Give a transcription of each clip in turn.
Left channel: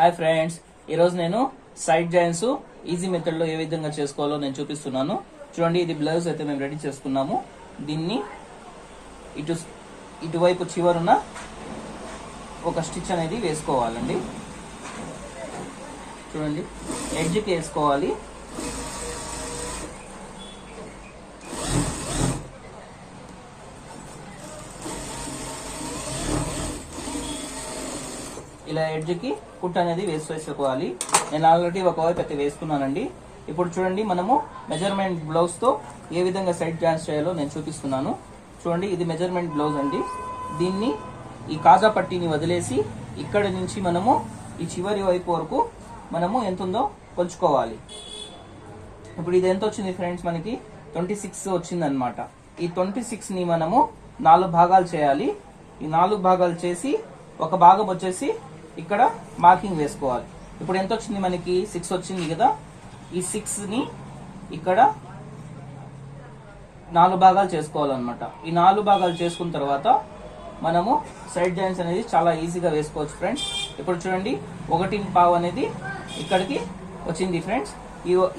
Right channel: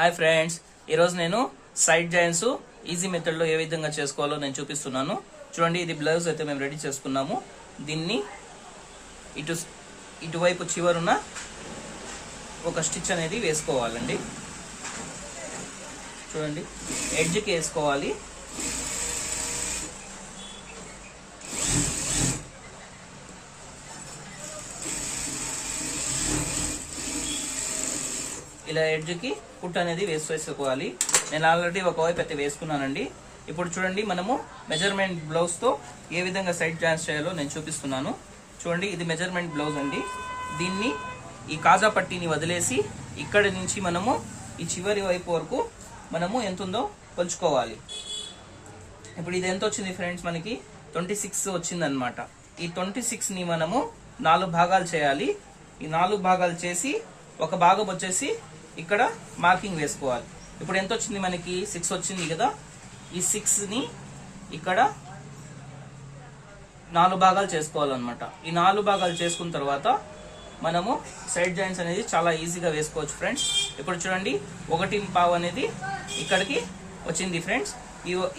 Hi friends, ఈరోజు నేను side joints easy మెథడ్లో ఏ విధంగా చేసుకోవాలో నేను చూపిస్తున్నాను. చూడండి, ఇది బ్లౌజ్ అయితే మేము రెడీ చేసుకున్నాము. దీన్ని ఇటువైపు చివరున్న ఒక స్టిచ్ అనేది వేసుకోవాలండి. చూడండి, ఎడ్జ్కి వేసుకోవాలి. ఇలా ఎడ్జ్కి కుట్ అనేది వేసుకోవాలి. నేను ఆల్రెడీ ఒకవైపు అయితే వేసుకున్నానండి. ఇప్పుడు చూడండి, మనము మెజర్మెంట్ బ్లౌజ్ తో ఏ విధంగా సైడ్ జాయింట్స్ చేయాలో నేను చూపిస్తున్నాను. చూడండి, ఇది మెజర్మెంట్ బ్లౌజ్ అండి. దీన్ని ఈ కాజా పట్టీని వదిలేసి ఇక్కడ నుంచి మనము ఈ చివరి వైపు వరకు మనము ఎంత ఉందో కొలుచుకోవాలి. ఇప్పుడు ఇది ఎంత వచ్చింది ఫ్రెండ్స్, మనకి 26 వచ్చింది అనమాట. ఈ 26 ని మనము 4 భాగాలు చేయాలి. ఈ 4 భాగాలు చేసి ఒక భాగం వచ్చేసి ఇక్కడ మార్కింగ్ వేసుకోవాలి. ఇప్పుడు ఎంత వచ్చింది, మనకి 6 వచ్చింది కదా. ఈ 6 ని ఇక్కడ 4 భాగాలు చేసుకోవాలన్నమాట. ఈ 4 భాగాలు చేసుకున్న తర్వాత మనము సైడ్ జాయింట్స్ అనేది చాలా ఈజీగా వేసుకోవచ్చు ఫ్రెండ్స్. ఇప్పుడు చూడండి, 1.5 అనేది ఇక్కడికి వచ్చింది ఫ్రెండ్స్.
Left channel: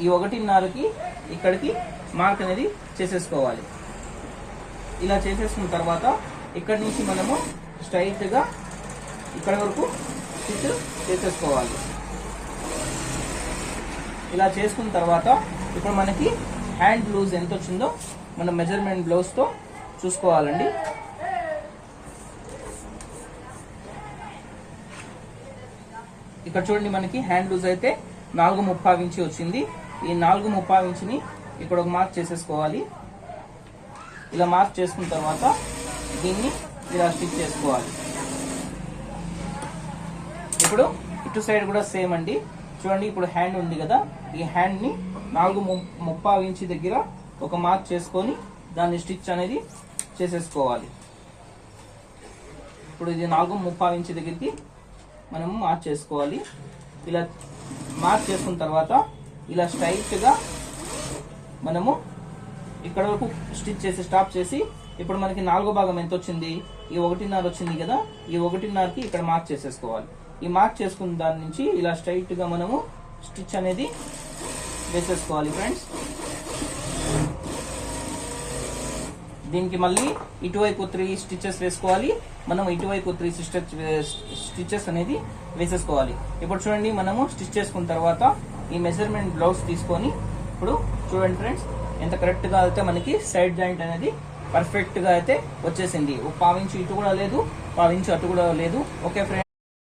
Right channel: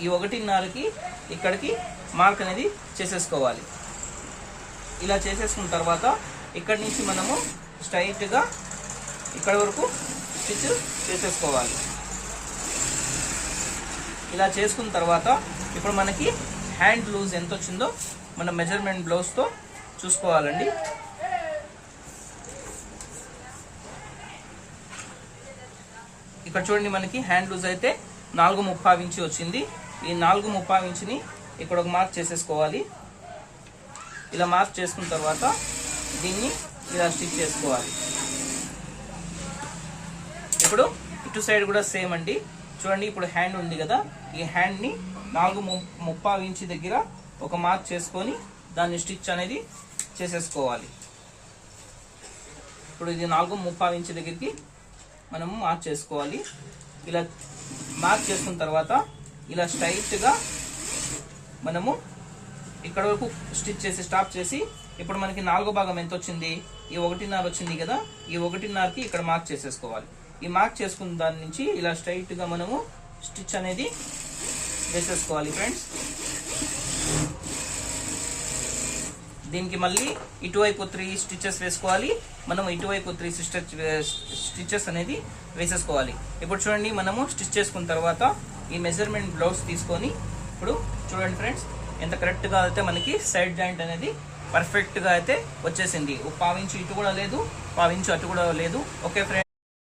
ఈ 1.5కి ఇక్కడికి మార్క్ అనేది చేసేసుకోవాలి. ఇలా చేసేసుకున్న తర్వాత ఇక్కడి నుంచి మనము స్ట్రైట్ గా ఇక్కడ వరకు స్టిచ్ చేసేసుకోవాలి. ఇలా చేసుకున్న తర్వాత ఇప్పుడు మనకి హ్యాండ్ లూజ్ ఎంత వచ్చిందో మనం మెజర్మెంట్ బ్లౌజ్ తో చూసుకోవాలండి. ఇక్కడ చూడండి, మనకి హ్యాండ్ లూజ్ అయితే 4.35 ఇంచ్ వచ్చింది. ఈ 4.35 ఇంచుని ఇక్కడ ఒక మార్క్ చేసేసుకోవాలి. ఇలా మార్క్ చేసుకున్న తర్వాత దీన్ని ఇలా స్టిచ్ చేసుకోవాలి. ఇప్పుడు ఇటు సైడ్ కూడా సేమ్ అండి. చూడండి, ఇప్పుడు హ్యాండ్ ఉంది కదా, ఈ హ్యాండ్ ని 4.35 ఇంచ్ దగ్గర ఒక మార్క్ చేసుకొని దాన్ని స్టిచ్ అనేది చేసేసుకోవాలి. ఇప్పుడు ఇది 4.35 ఇంచ్ దగ్గరికి మనము మార్క్ చేసుకోవాలి. ఇలా మార్క్ చేసుకున్న తర్వాత ఇలా స్ట్రైట్ గా మనము ఇక్కడ వరకు స్టిచ్ చేసి స్టాప్ చేసి ఇప్పుడు మనకి 4వ భాగం ఎంత వచ్చింది, ఈ 1.5 వచ్చింది కదా. ఈ 1.5కి ఇక్కడ మార్క్ చేసేసుకోవాలి. ఈ మార్క్ చేసుకున్న దాని నుంచి ఇలా స్ట్రైట్ గా మనము స్టిచ్ అనేది వేసేసుకోవాలి ఫ్రెండ్స్. దీనికి మళ్ళీ ఇటువైపు 3 స్టిచెస్ వేసుకోవాలి. మనం ఇటువైపు 3 స్టిచెస్ అనేది వేసేసుకోవాలి. ఇప్పుడు చూడండి, మనము స్టిచ్ చేసుకున్న తర్వాత ఈ మెజర్మెంట్ బ్లౌజ్ తీసుకొని ఇప్పుడు చూడండి ఫ్రెండ్స్, ఎంత కరెక్ట్ గా అయితే మనకి సైడ్ జాయింట్ అనేది పర్ఫెక్ట్ గా అయితే వచ్చేసింది. 1.5 ఇంచు ఇటు కూడా లేదు, 1.5 ఇంచు అటు కూడా లేదు. Okay friends.